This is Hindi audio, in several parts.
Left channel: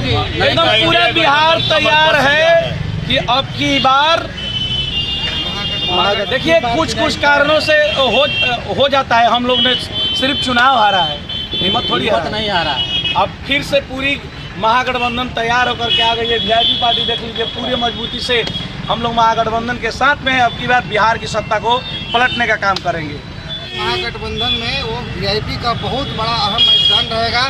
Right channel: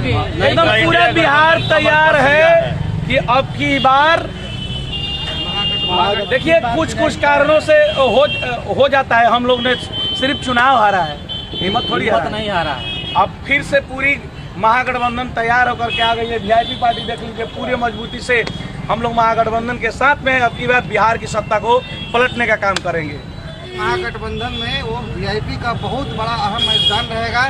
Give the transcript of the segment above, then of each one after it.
एकदम पूरा बिहार तैयार है कि अब की बार देखिए कुछ कारणों से हो जाता है। हम लोग ने सिर्फ चुनाव हारा है, हिम्मत थोड़ी नहीं हारा है। अब फिर से पूरी महागठबंधन तैयार होकर के आ गई है। वीआईपी पार्टी देख लीजिए पूरी मजबूती से हम लोग महागठबंधन के साथ में अब की बार बिहार की सत्ता को पलटने का काम करेंगे। महागठबंधन में वो वीआईपी का बहुत बड़ा अहम योगदान रहेगा।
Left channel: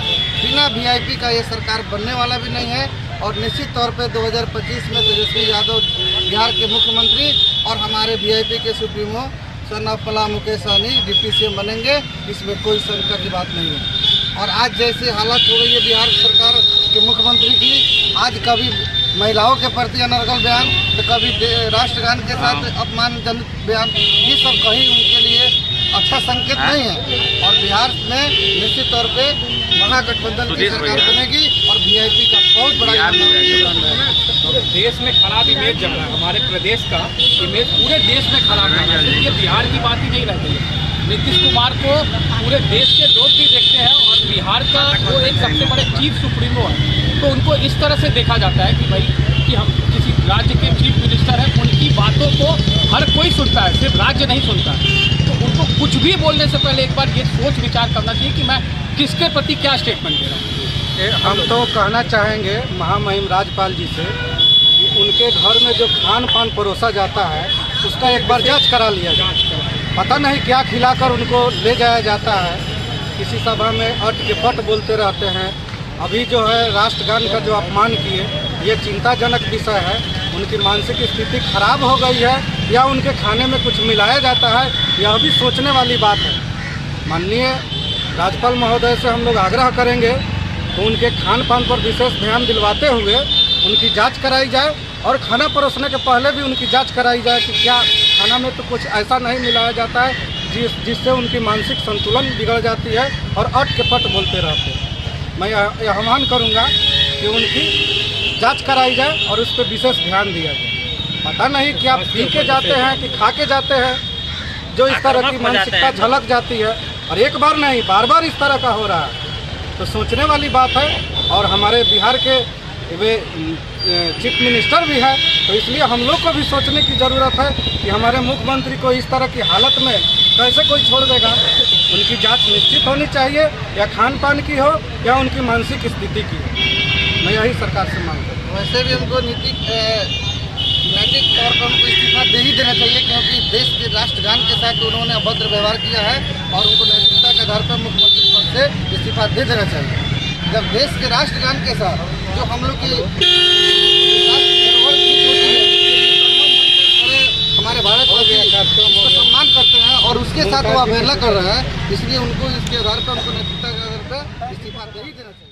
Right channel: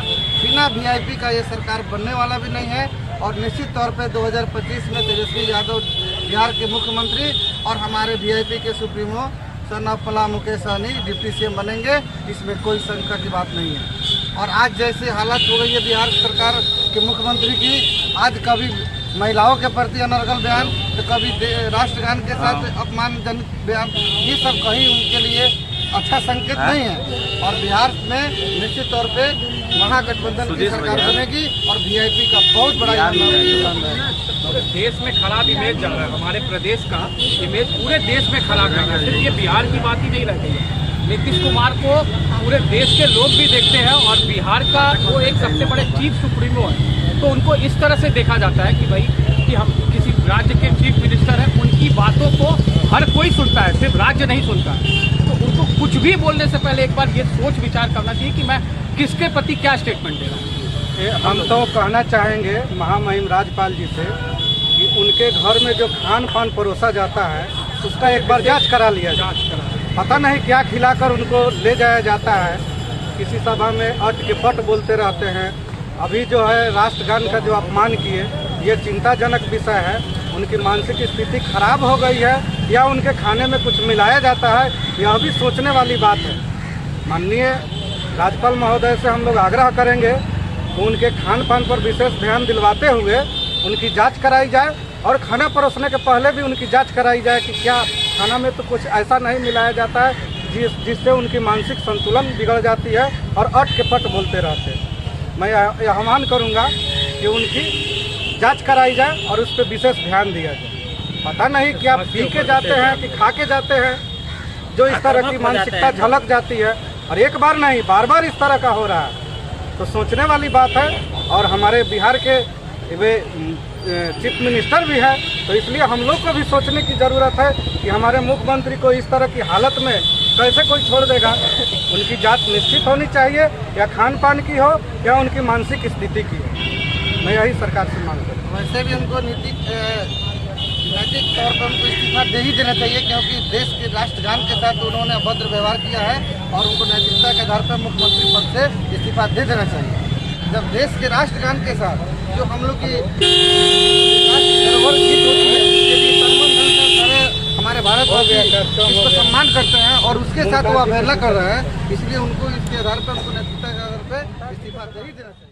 बिना वीआईपी का ये सरकार बनने वाला भी नहीं है और निश्चित तौर पे 2025 में तेजस्वी यादव बिहार के मुख्यमंत्री और हमारे वीआईपी के सुप्रीमो सन ऑफ पला मुकेश सहनी डिप्टी सीएम बनेंगे, इसमें कोई शंका की बात नहीं है। और आज जैसे हालत हो गई है बिहार सरकार के मुख्यमंत्री की, आज कभी महिलाओं के प्रति अनर्गल बयान तो कभी राष्ट्रगान के साथ अपमानजनक बयान, ये सब कहीं उनके लिए अच्छा संकेत नहीं है। और बिहार में निश्चित तौर पे महागठबंधन की सरकार बनेगी और वीआईपी का बहुत बड़ा योगदान रहेगा। देश में खराब इमेज जा रहा है, हमारे प्रदेश का इमेज पूरे देश में खराब जा रहा है। सिर्फ ये बिहार की बात ही नहीं रह गई है। नीतीश कुमार को पूरे देश के लोग भी देखते हैं और बिहार का वो एक सबसे बड़े चीफ सुप्रीमो है, तो उनको इस तरह से देखा जाता है कि भाई कि हम किसी राज्य के चीफ मिनिस्टर हैं, उनकी बातों को हर कोई सुनता है, सिर्फ राज्य नहीं सुनता है। तो उनको कुछ भी बोलने से पहले एक बार ये सोच विचार करना चाहिए कि मैं किसके प्रति क्या स्टेटमेंट दे रहा हूँ। हम तो कहना चाहेंगे महामहिम राज्यपाल जी से कि उनके घर में जो खान पान परोसा जाता है उसका एक बार जांच करा लिया जाए। पता नहीं क्या खिलाकर उनको ले जाया जाता है, किसी सभा में अट के पट बोलते रहते हैं। अभी जो है राष्ट्रगान का जो अपमान किए, ये चिंताजनक विषय है। उनकी मानसिक स्थिति खराब हो गई है या उनके खाने में कुछ मिलाया जाता है, यह भी सोचने वाली बात है। माननीय राज्यपाल महोदय से हम लोग आग्रह करेंगे तो उनके खान पान पर विशेष ध्यान दिलवाते हुए उनकी जांच कराई जाए और खाना परोसने के पहले भी उनकी जांच कराई जाए कि क्या खाना में तो कुछ ऐसा नहीं मिलाया जाता है जिससे उनकी मानसिक संतुलन बिगड़ जाती है और अट के पट बोलते रहते हैं। मैं आह्वान करूंगा कि उनकी जांच कराई जाए और उस पर विशेष ध्यान दिया जाए। पता नहीं कि आप पी के जाते हैं कि खा के जाते हैं, जो इस तरह की मानसिकता झलक जाती है और एक बार नहीं बार बार इस तरह का हो रहा है, तो सोचने वाली बात है। और हमारे बिहार के वे चीफ मिनिस्टर भी है, तो इसलिए हम लोग को भी सोचने की ज़रूरत है कि हमारे मुख्यमंत्री को इस तरह की हालत में कैसे कोई छोड़ देगा। उनकी जांच निश्चित होनी चाहिए, या खान पान की हो या उनकी मानसिक स्थिति की हो। मैं यही सरकार से मांग करता हूँ। वैसे भी उनको नैतिक तौर पर उनको इस्तीफा दे ही देना चाहिए, क्योंकि देश के राष्ट्रगान के साथ उन्होंने अभद्र व्यवहार किया है और उनको नैतिकता के आधार पर मुख्यमंत्री पद से इस्तीफा दे देना चाहिए। जब देश के राष्ट्रगान के साथ जो हम लोग की धरोहर गीत होती है, हमारे भारतवासी इसको सम्मान करते हैं और उसके साथ वो अवहेलना कर रहे हैं, इसलिए उनको इसके आधार पर उनको नैतिकता के आधार पर इस्तीफा दे ही देना चाहिए।